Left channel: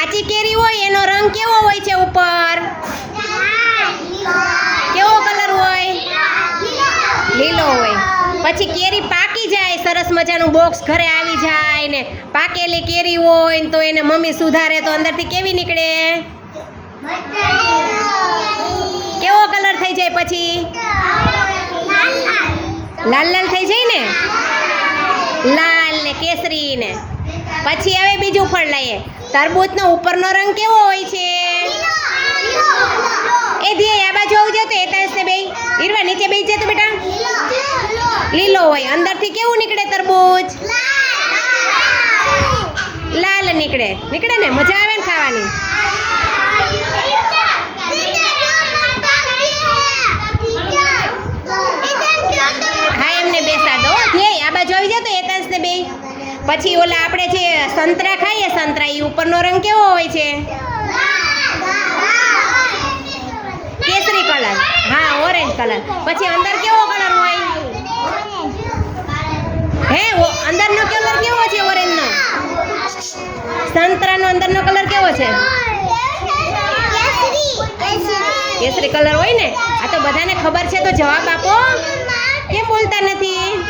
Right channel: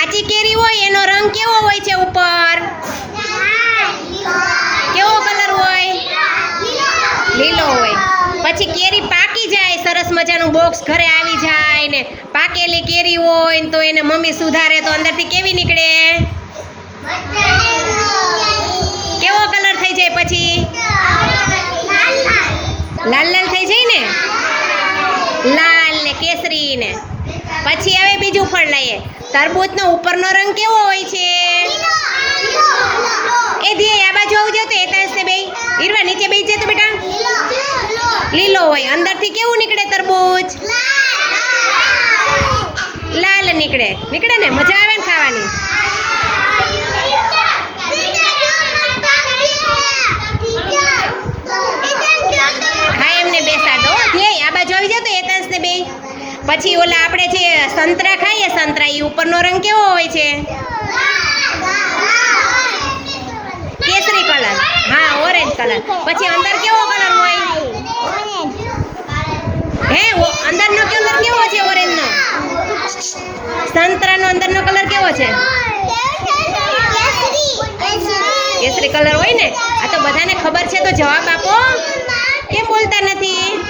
કાચી કેરી હોય, એનો રંગ કેવો હોય છે ઉપર? કેવો કલર હોય? લીલો હોય. પછી કેરી પાકી જાય, સરસ મજાનું બોક્સ ઘરે આવી જાય ને પાકેલી કેરી હોય તો એને મમ્મી સુધારે તો અંદરથી કેવી નીકળે? કેવો કલર થઈ જાય પછી? લાલ લાલ થઈ જાય ને? લાલ ને કેસરી ને. પછી હવે બીજું ફળ લઈએ. તરબૂચનો ઉપરનો રંગ કેવો હોય છે? એ ધીએ આ બાજુ આવજો તો એકાંશ ને બે ઈરવા, નીચે બેસી જતો બેટા. લીલો હોય. અંદરથી કેવું નીકળે તરબૂચ? લાલ નીકળે. નીકળે ને? મજા આવે ને ખાવાની? ધ્યેય જતો બાજુ આવી જાવ તો એકાંશ ને બે. પછી ઓલા આપણે જે સંતરા ખાઈએ, સંતરા એ ઉપરનો રંગ કેવો હોય છે? કેસરી કલર. હા, ઓરેન્જ કલર. પછી અંદર કેવો કલર હોય? હે અંદરનો કલર કેવો છે ઓરેન્જનો? સંતરાનો અંદરનો કલર કેવો છે? કેસરી કલર હોય ને? આ તો બધાને ખબર છે, તો જવાબ આપો. કેમ બોલતા નથી?